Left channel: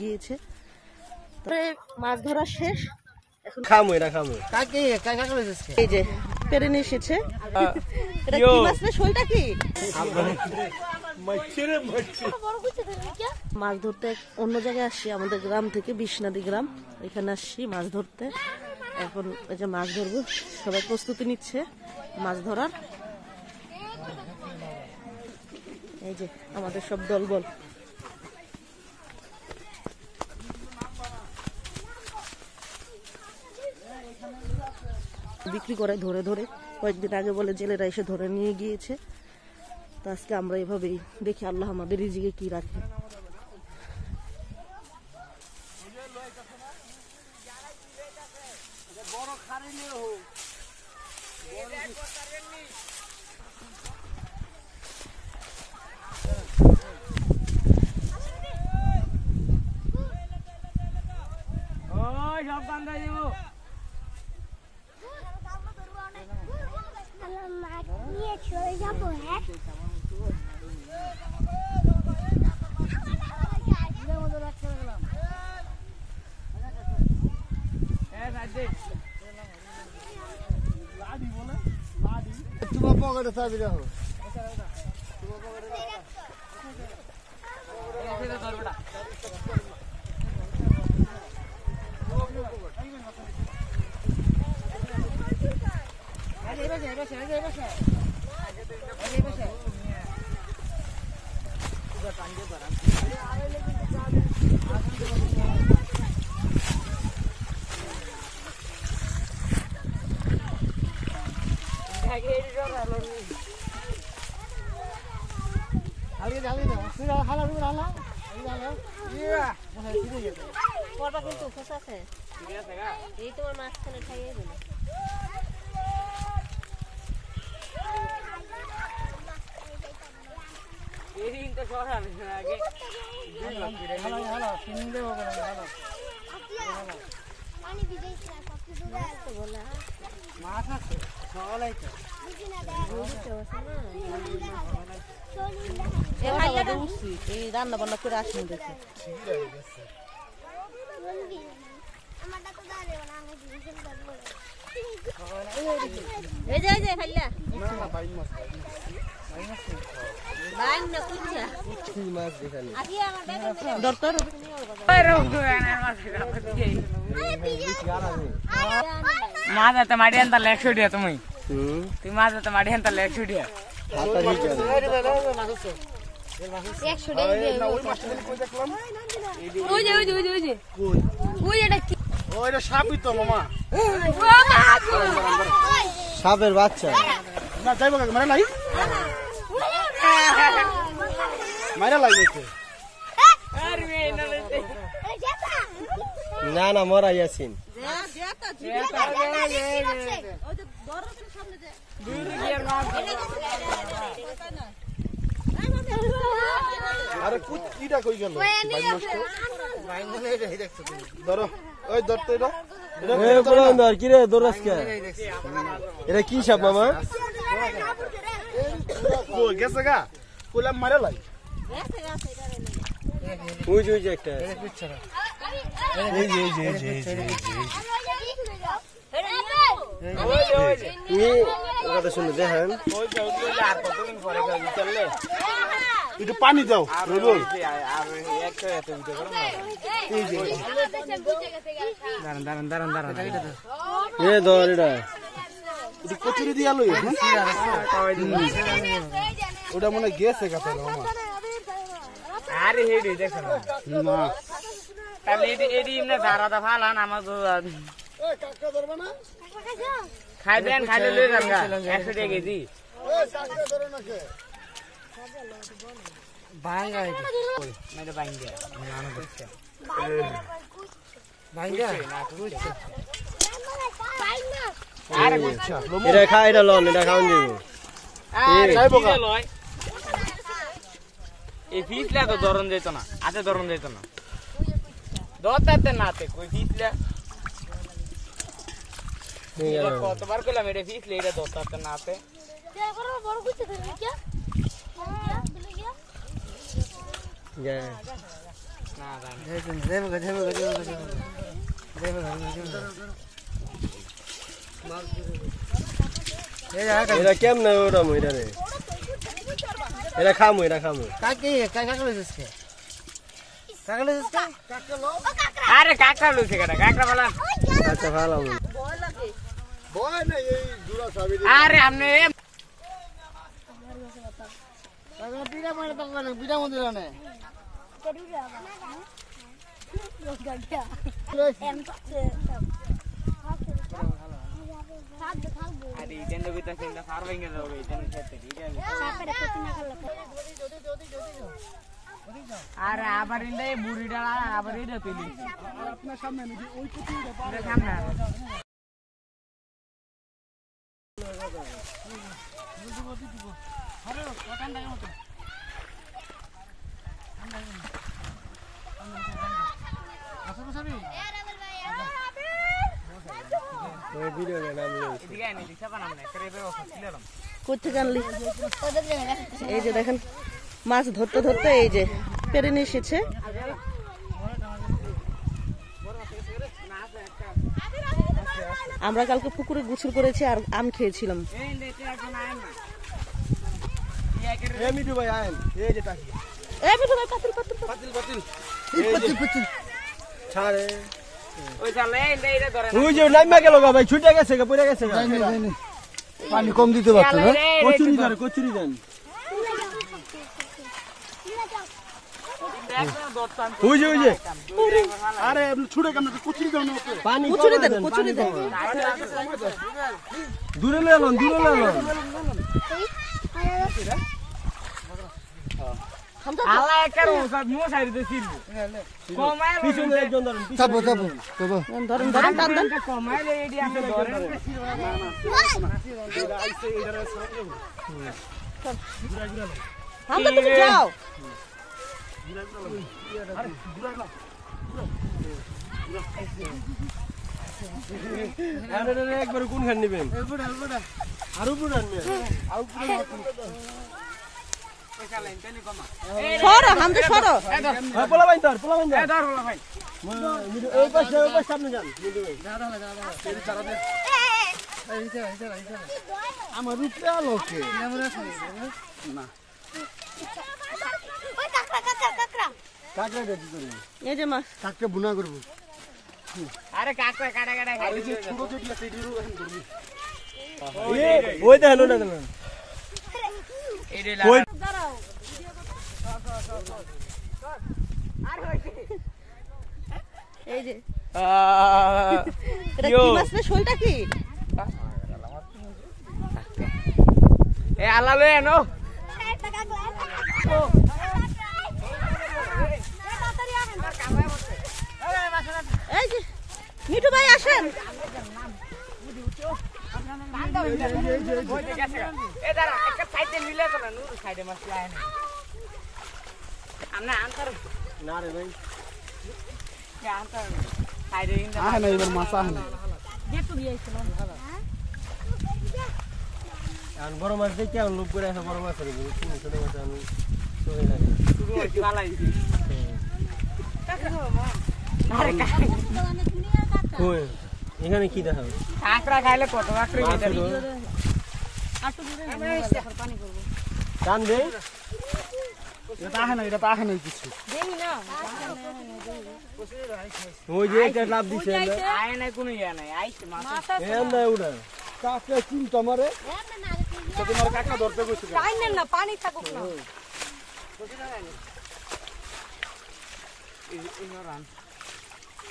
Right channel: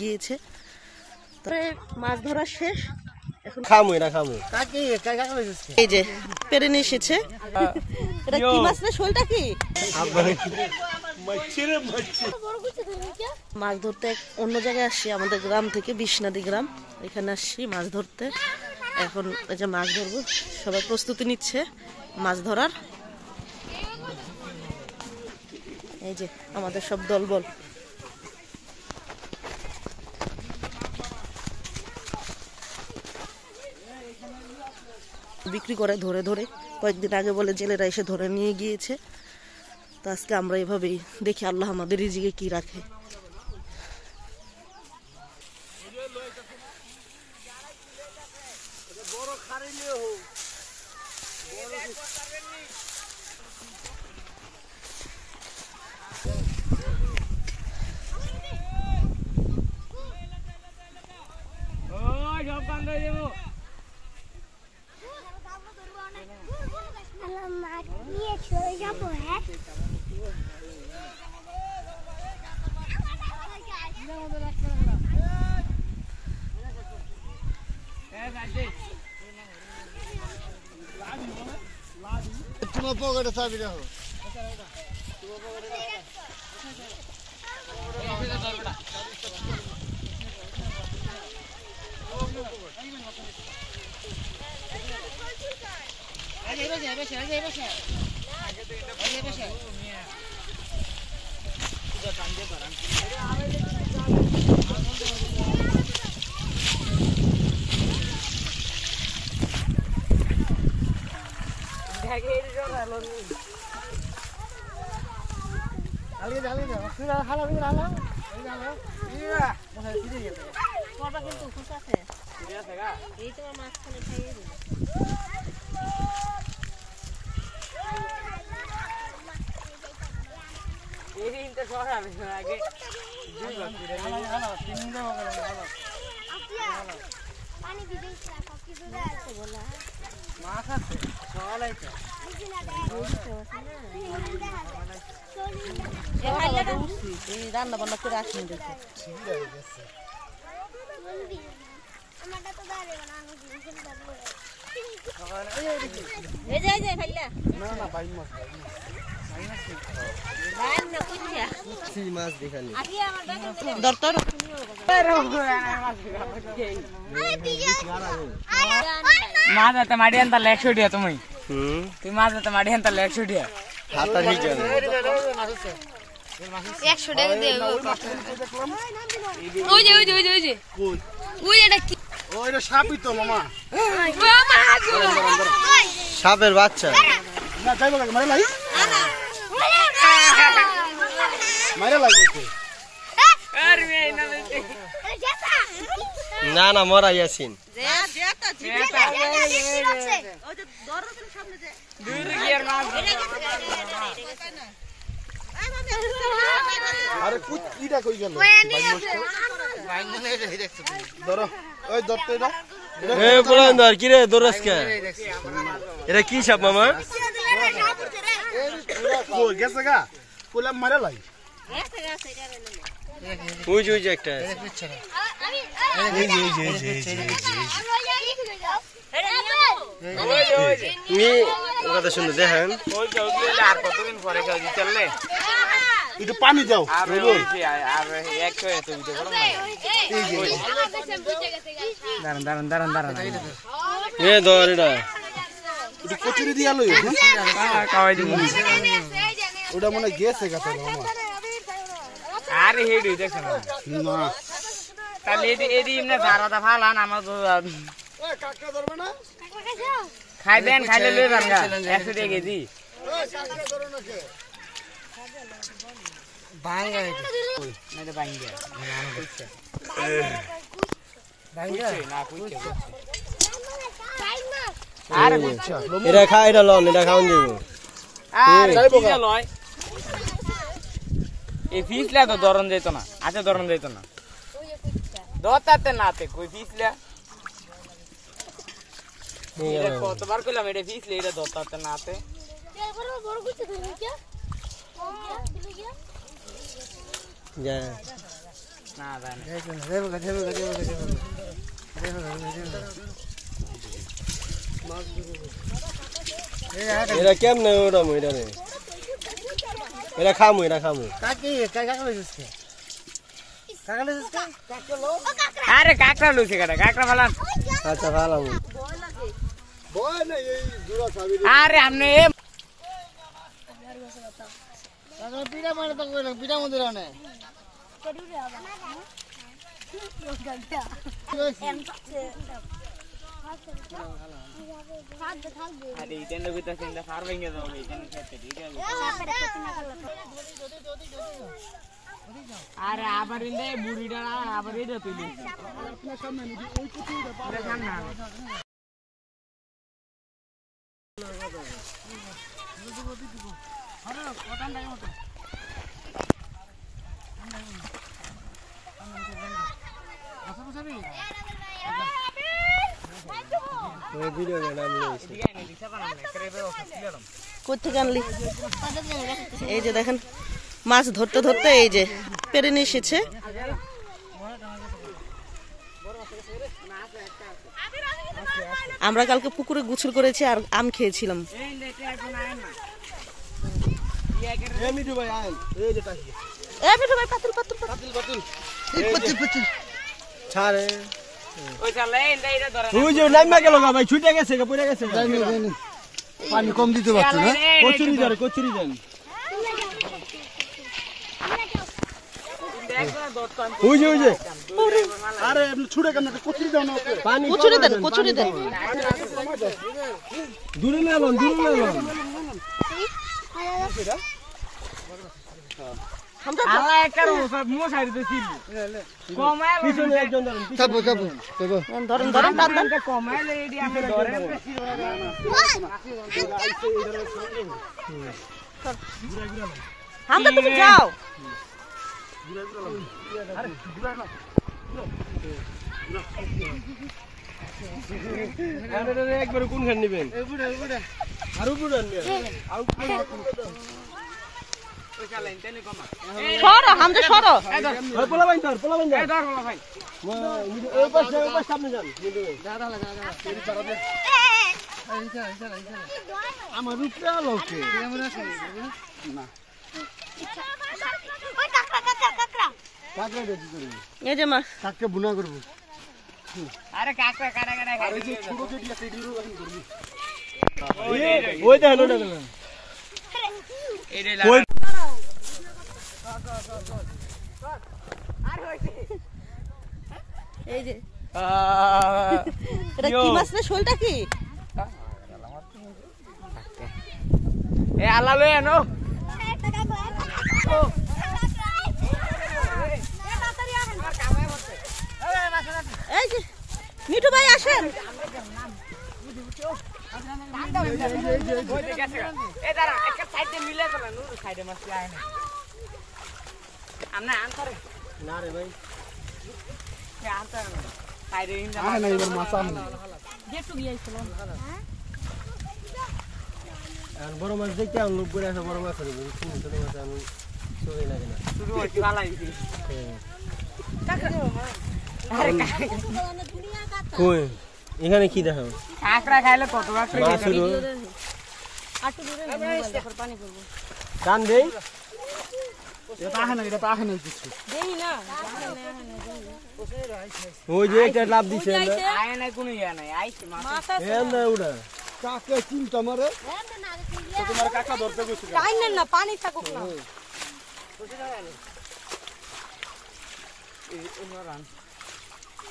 গিয়েছে। তবে মাছ ধরা শেষ, এখন খামু এটা খামু। এই যে পেরে নিয়ে এসেছে। এটা কি মাছ না, শোলটা কি? মাছ ধরতে অন্য জায়গায় আসছি, আমাদের গ্রাম থেকে বিশনাদি গ্রাম, এখানে আসছি মাছ ধরতে। এখন এই যে মাছ ধরবো, সবাই প্রস্তুতি নিচ্ছে মাছ ধরার। এই যে আমাদের সব দলবল। বিক্রি করে ধরে ধরে, কয়েকদিন আগে বলে জেলেরা এসে ধরে নিয়ে গিয়েছে। তো আজকে আমরা এভাবেই দেখি আল্লাহ আমাদের রিজিকে কি রাখে। রান্না বান্না করে আসেন দেখে মাছ आता माडी अंतर लेग शूट है तुम्ही ती माछ आता माडी अंतर लेग शूट है হাতা ঠিক আছে। 100 টাকা দে ওই যে কোন ওই এটা কি ওইটা সাপই তো মামা, সাপের বাচ্চা। না যাইবো কাকে মারা লাই, মারা লাই নাকি? अरे मैं ना बेटे না না মরা ইয়াসিন। আরে কুইটা কই গেল? ধরো ওই ধরতে এটা। এ বলেন ধর কি রে দরস কে? এটা কি সাপ মামা? কই গেছে গা? কোলা মারা লাই। ওই যে একটা। এই কথা শুনে দেখেন, একটু পানি দাও। কচুরি দিয়া লই ওটা মনে গেছে কথা अरे हेड দেখছ না তাহলে এডি এমনে জারাদা ফালান আমার তো এ কাকা ধরবে না খাই দেন খাইলে লই যান 100 টাকা কেজি ওই কাকা ধরো না কে ভাঙ্গা এটা ভাঙ্গা নানো করছে ভাঙ্গা না কুছে আরে কুছে এটা খাই এটা লন, এটা খাওন দিব। আরে খাইবো কা লয় এই ফিসলা তো ধরন যেত না, আচ্ছা ধরন যেত না দতাতে নাতে কই ফিসলা এটা কতবার কইলাম এটা ফিসলে এটা দতাতে নাতে বড় বড় কিছু ধরে কি যা এরা কেমনে ওটা মইরা রে এরা খামু আরে কাকড়া লইছে কেডা কাকড়া ফালান আচ্ছা ভালো আরে আমনে আরে ইতেন্ডে কইতাছ না ফার ভেঙে যাবে ইতেন্ডে খেতে ঠিক আছে আরে আবার ইন্দে বুড়িটা আবার এটা তুলি আপনার সামনে ওই কুটিটা পারে না কোথেকে আনলি? এই যে দেখেন মাছ ধরতে ধরতে এই যে পেরে নিয়ে এসেছে। আমরা কালকে পুকুরে গোসল করেছি আর আম খেয়েছিলাম। মিঠু ভাই আইন এই যে টাকি এ মিঠু ভাই পাতিল পাতিল পাতিল পাতিল ছাড়ে ওই চালে ইন্দে এটা ধরে ওই যে নাইমা গেল ভাই ছুটে গেছে পড়ে গেছে পানি কম দিতে পারতো না কচুরি যান ওই যে আরে ছুড়ে কেন কচুরি দাও না পানি কচুরি দেন দূরে লালন আল্লাহ একটা সব মো সাইড দিছিল কমায় পিছনে একজন ধরুন চাপো ধরেন টান দেন। কমাইলে এডি আপনি ধরেন আমরা তুমি যাও। আরে একবার কোন খান নেবেন আরো বুড়ান ওই চালে ইনতে কমা সরো আমরা সরো। পোলা বাইন ধর এই ধর বলা ভাই ওই পাশে সামনে যান আমার রূপটা লোকে না ওই কাকড়া কাকড়া দিতে তুমি এই যে মাছ কাককে বুনা করব আরে কাকড়া কাটা কাটা আর এই যে ছোট ছোট আছে এগুলো এখন করবি ওই দেখেন ওটা গেল এডি ওই এই যে এটা কি মাছ না শোলটা কি? এ আল্লাহ লই আনো এই যে মিঠু ভাই আসেন। এ দাঁড়া একটা সাইডে মিলে গেল নূর সাইডে মাছ লাগে না আমনে আনতারে না রে ভাই কে আনতার সাইডে ইন্দা আনা এবার মাছ আনা আর বড় মাছ দেখে আর লোক করে আছে বড় মাছ ধরবে ছোট মাছ আমি সরে না শুরু হইছে ভালো হইছে কই এখানে কি দেখা কাকড়া খাইলে কত কাকড়া খেতে টান দেই এটা পাহে নাই কিছু ওই যে একটা লাভ দিছে আয় নাই কোনো ইয়া নাই আইছে মাছ এন্দা উড়া কাকে চিন্তা মারে তো তোমার কাকা ধরতে গেছে না পানি থাকুক না।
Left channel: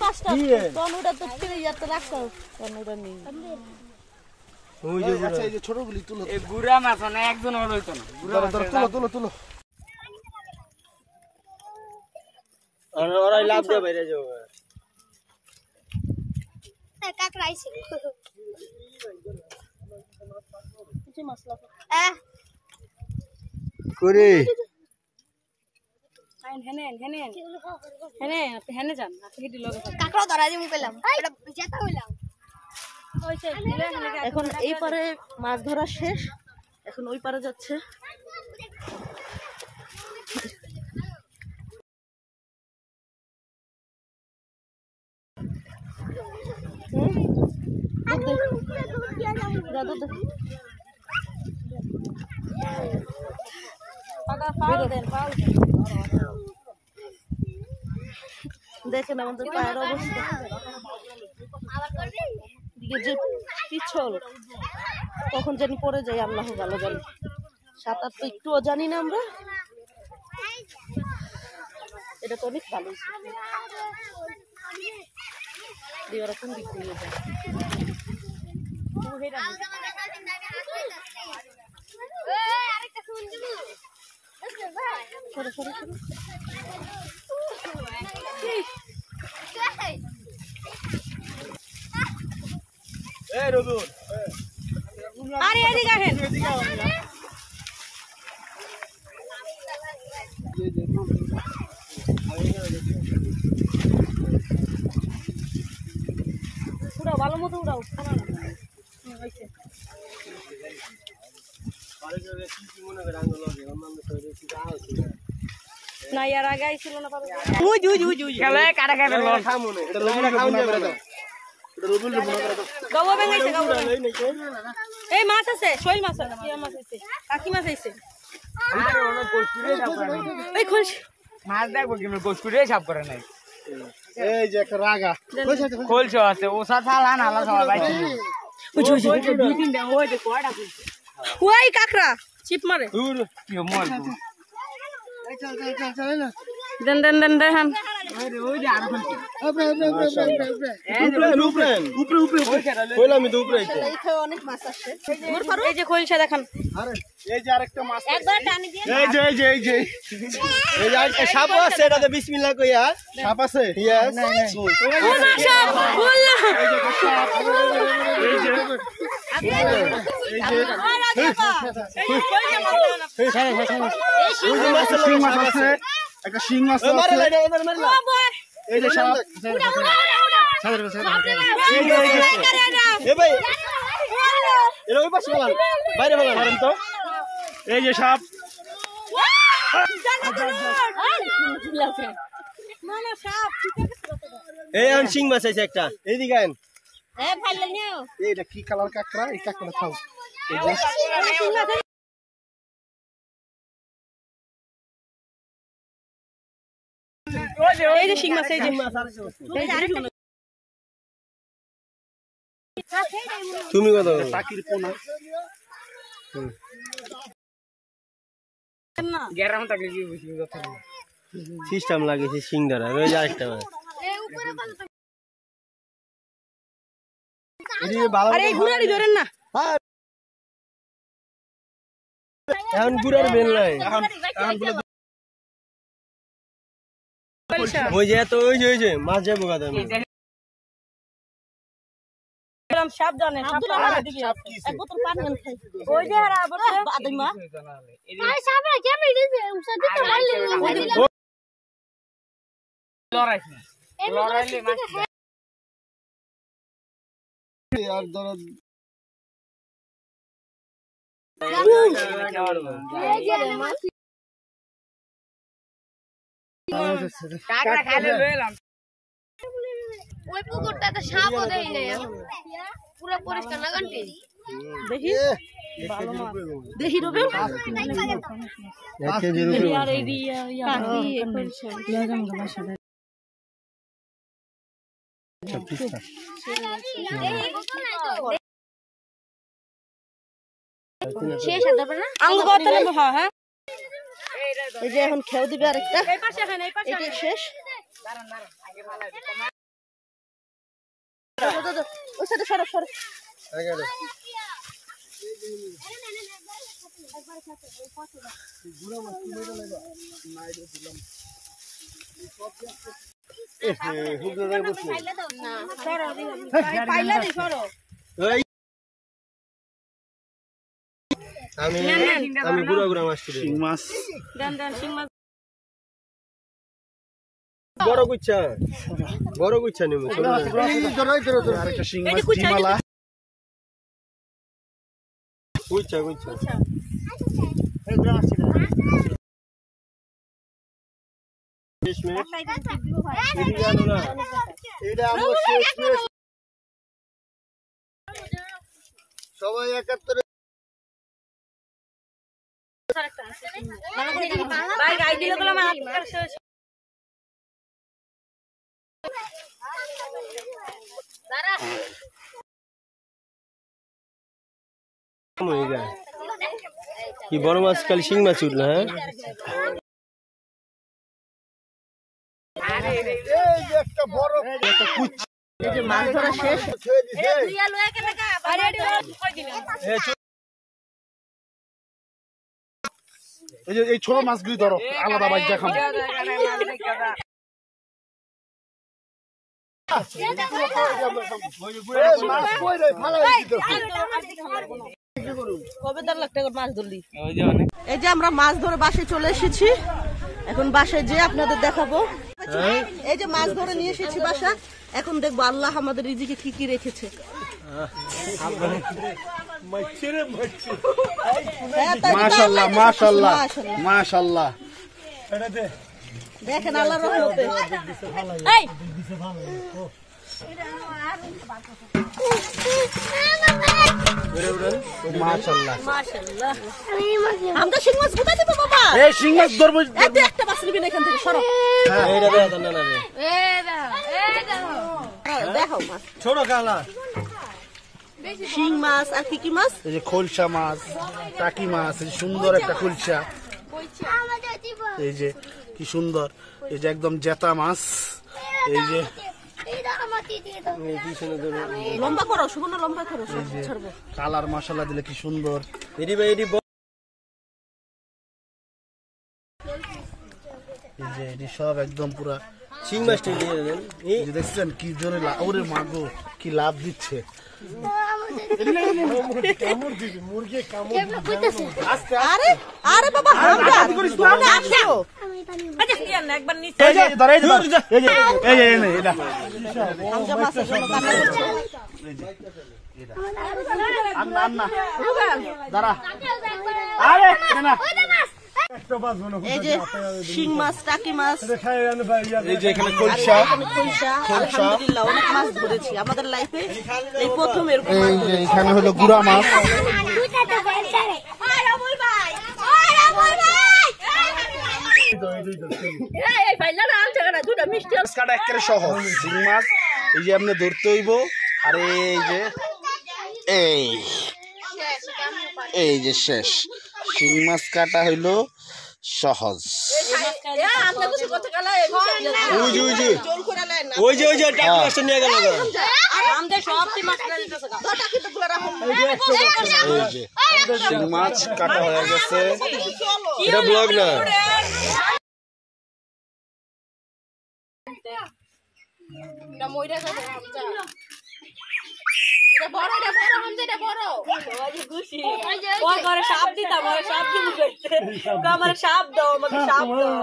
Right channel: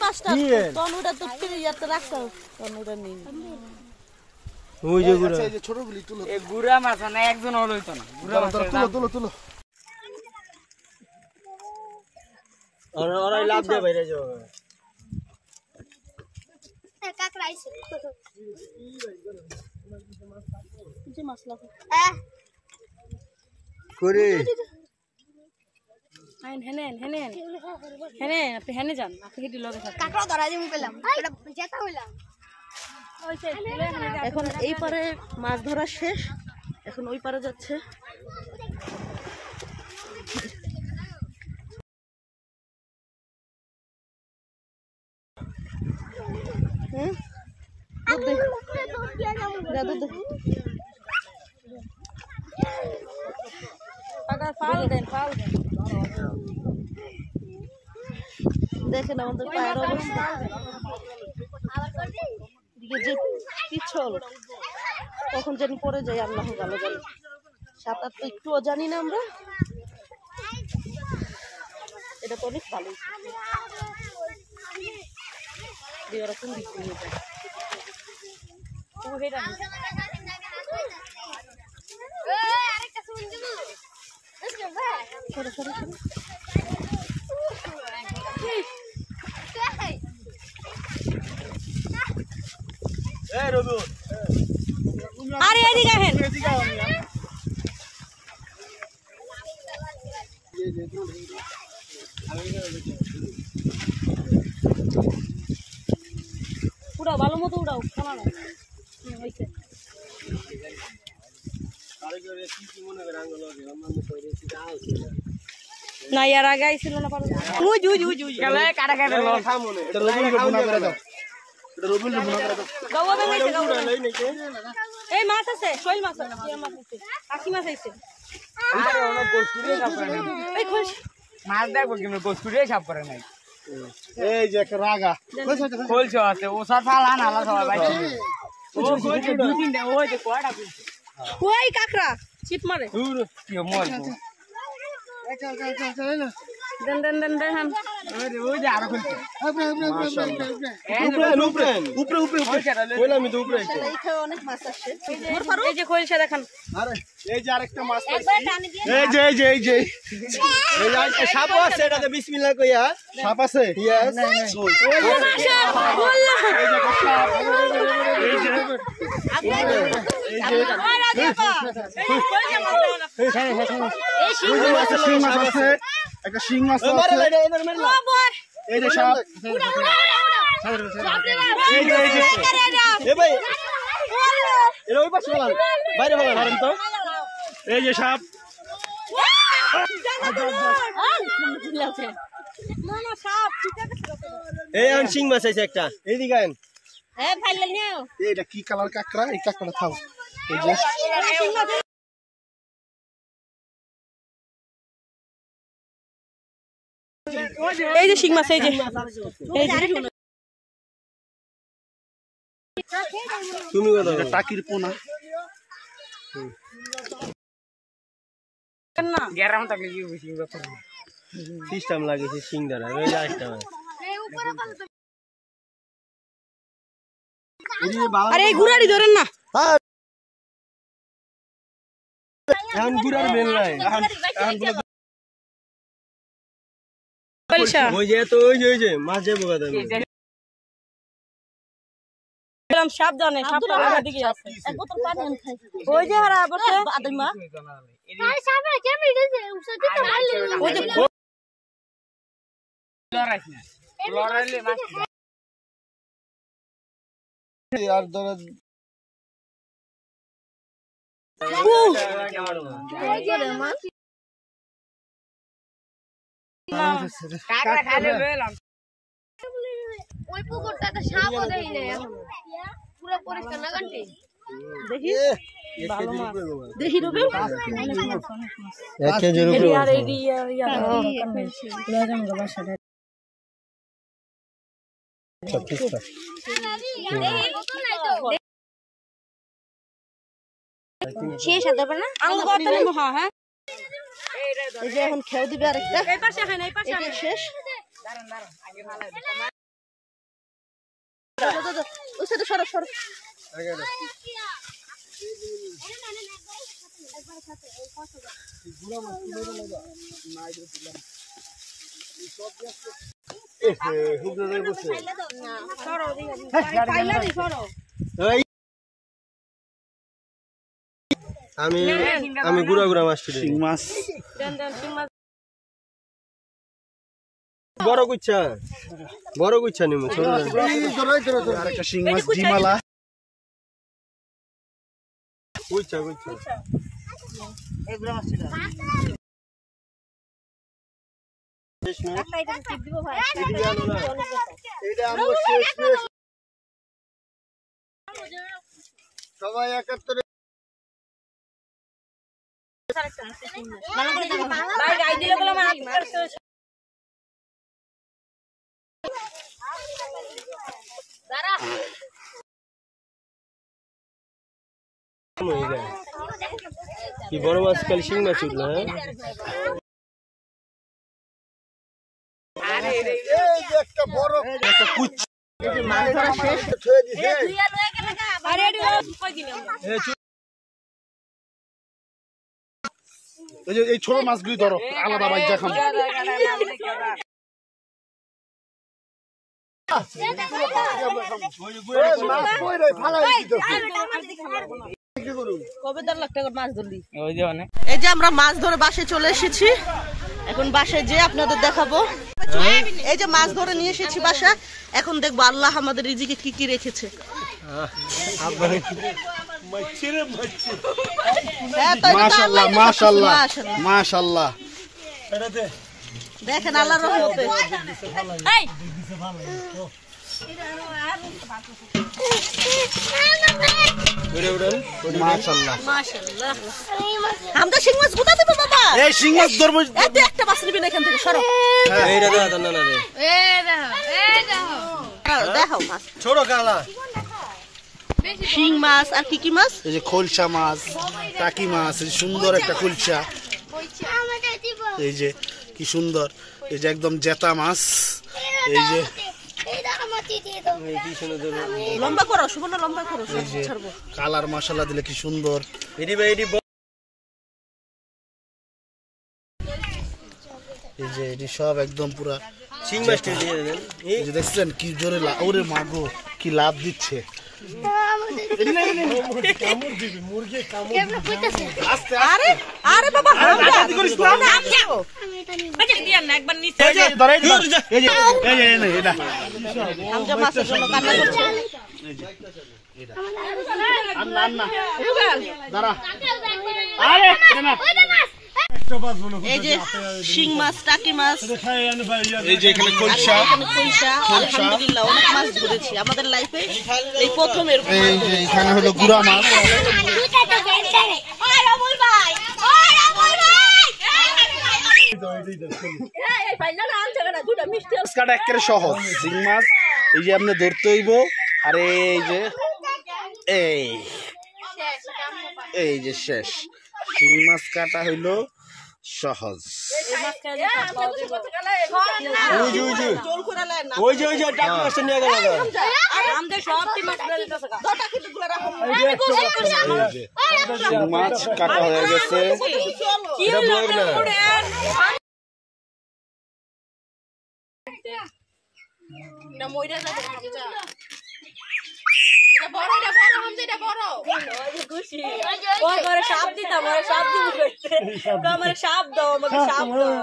পাঁচটা তনুটা তো ফিরে ইয়াতে রাখো তনুটা নেই। ওই যে আচ্ছা এই যে ছোটগুলি তুলো এ গুড়া মাছ না একজন হলো তো না তুলো আর ওরাই লাভ দে বাইরে যাবে কাকড়া আইছে যে মশলা করে আইন হেনে আপনি হেনে যান আপনি হেঁটে লগে থাকেন। কাকড়া ধরা দিমু পেলাম এটা জেতা হইলাম এখন এই পারে মাছ ধরা শেষ, এখন ওই পারে যাচ্ছে। হ্যাঁ দুধ দে যা দুধ দে দেখেন আমাদের পায়ের অবস্থা যে পিছল তখন জানি পড়ে যাই আল্লাহ ভালো জানি সাঁতার তো একটুও জানি না আমরা এটা তো অনেক ভালো দিয়ে ওরকম দিক দিয়ে যায় সরে সরে সরে আরে এদিকে আসেন উড়াও ভালো মতো উড়াও না ইয়ার আগে আইছিল না ওই খেলা কাটা কাটা এটা রবিনকে বোনা করে দাও এটা রবিনকে বোনা করে দাও গাওয়া বেঙ্গাইছে এই মাছ আছে শৈল মাছ আছে কি মাছ আছে কাকি মাছ আছে আরে ওনা গোসকুরে সাপ করে নাই এই খুশ মাছ দেখবো কিন্তু গোসকুরে সাপ করে নাই এই যে একটা রাগা খোলছো আছে ও সাথে আলান আলা সবাই বাইছে দুই তিনটা ওই যে কোয়াটা খুলছে ওই কাকড়া চিপ মারে দূর কি মল দেন দেন দেন দেন আরে ওই যে আরো খুলছে উপরে কইলাম তো উপরে এই খায় অনেক মাছ আসে মোর ফারু এই যে খোলসা দেখেন আরে এই যে আরেকটা মাছ একবার টানি দিয়ে এই যে এই যে সাপ আছে এটাতে বিসমিল্লাহ কইয়া সাপ আছে ইয়েস শিং মাছ আছে একটা শিং মাছ আছে এই যে সাপ এই যে এ ভাই এর ওই পাশে বলান বাইরে বলান তো এই যে সাপ এই আন শিং মাছ আছে একটা এইদিকে আন এ ফাইলে নিও এইটা কি কালার কাকড়া এই কাকড়া খাও এই যে এই যে শিং মাছ এই যে তুমি কথা বলো টাকির পোনা না গেরাম তাকে কি বুঝি কথা সিস্টেম লাগিয়েছে শিং ধরা ওই যে আরেকটা আরে এই গুড়ারি ধরেন না এখন গুড়ার বেল নাই এখন বলে ওই যে তো ওই যে মাছ যাবো কথা এরকম সাপ জানে সাপ দিকে আছে এক বোতল পানি আন খাই ওই যে হারা বসে আদমা আরে সামনে কেমন দিছে উসাতে তো মারলে লড়াইলে মাছ আর ধর কাকড়া খাইলে লইলাম ওই পুকুরটাতে সাপও দেই না পুরো পরিষ্কার না গন্টি দেখি দেখি রূপে এক কেজি রূপে আর এই ইয়া লাগাম গো বাসা শেষ হতে পারে না আঙ্গ করতে হ্যাঁ হ্যাঁ এই যে এখন খেও দিবে আরেকটা এই পাশে এখানে এই পাশে এটা শেষ দাঁড়ান আগে ভালো দাদা ওই সাইডে সরো সরো আগে গুড়া মাছ তুলে লাগা নাই রে দিলাম হুগলে বসে না সরো পাইলা দি সরো আমি গুড়া মাছ তুলি শিং মাছ দেন শিং মাছ বড় গুচ্ছা নিমু একটা শিং মাছ ডিমালা গুচ্ছা এই গুড়া মাছ ছিল 20 মিনিট এইটা আমরা শেষ সবাই একাত্তরে কি বড় মাছ কাল শিং মাছ উঠলো হ্যাঁ মাছ ধরা শেষ। এই ছোট মাছগুলি ধরো আলাদা বাইক দেখাম এই যে আমরা মাছ ধরে বাসায় চলে এসেছি, এখন বাসায় যে আপনাদের দেখাবো। এই যে মাছ ধরে নিয়ে এসেছি বাসা, এখন দেখবো আল্লাহ আমাদের রিজিকে কি কি রেখেছে। মাশাআল্লাহ মাশাআল্লাহ মাশাআল্লাহ দেখেন আল্লাহর রহমতে। মাশাআল্লাহ আমরা শিং মাছ কোথা দেবো বাবা? এই শিং মাছ ধরবো এত একটা মাছ নিবি না এখান থেকে, সরো। এইটা দেখা তো না না রে দেখাও মাছ, ছোট কালা শিং মাছ আর কি কি মাছ? এই যে খোলসা মাছ টাকি মাছ এই সুন্দর একটা খোলসা এই যে কি সুন্দর এই যে একদম জেতা মাছ এই যে লম্বা করো সুবর্ণ, লম্বা করো, ছাড়বো। কালার মশলা দিলে কি সুন্দর এডি ভাই এডি এই যে এটি সব একদম পুরা শিং মাছটা দিয়ে দেন এই যে দেখছেন কি জোরে ওরে মাগো কি লাভ দিচ্ছে আরে আরে বাবা হামজা মাছের জন্য কান্না করছে। এই যে শিং মাছ টাকি মাছ এই যে এখানে আর খোলসা এখানে খইসা, আলহামদুলিল্লাহ অনেক মাছ ধরেছি আমাদের লাইফে, এই প্রথম এরকম। এই যে এখানে হলো গুড়া মাছ একেবারে সহজ শিং মাছ এই যে আপনি ধরতে হইব আর এই যে এই যে শেষ শিং মাছ কাটা হইলো সহজ ওই যে টাকি মাছটা নিয়ে গেল এই যে শিং মাছ কাটা হয়ে গেছে এটা ব্লগ না সাপ দিতাম, সাপ দিব আমার সাপ দাও, আমাকে সাপ দাও।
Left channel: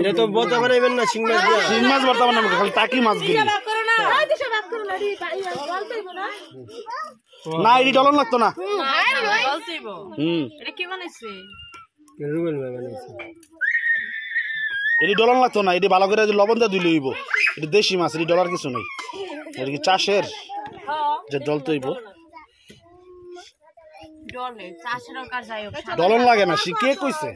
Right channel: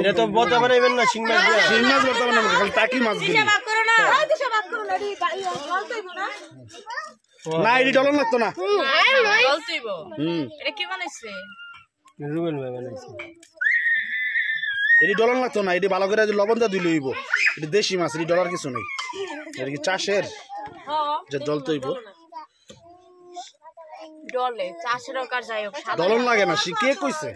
এটা তো বতা বানাইবেন না শিং মাছ দিয়া শিং মাছ বর্তমানে খালি টাকি মাছ না এটি ডলন লাগতো না রুবেল ভাই বানাইছে এটি ডলন লাগতো না এটি ভালো করে লবণ দিয়ে দিলে হইব এটি দেশি মাছ এটি ডলার কিছু নেই এটা কি চাষের যে ডল তৈব ডলন লাগে না সে কে কইছে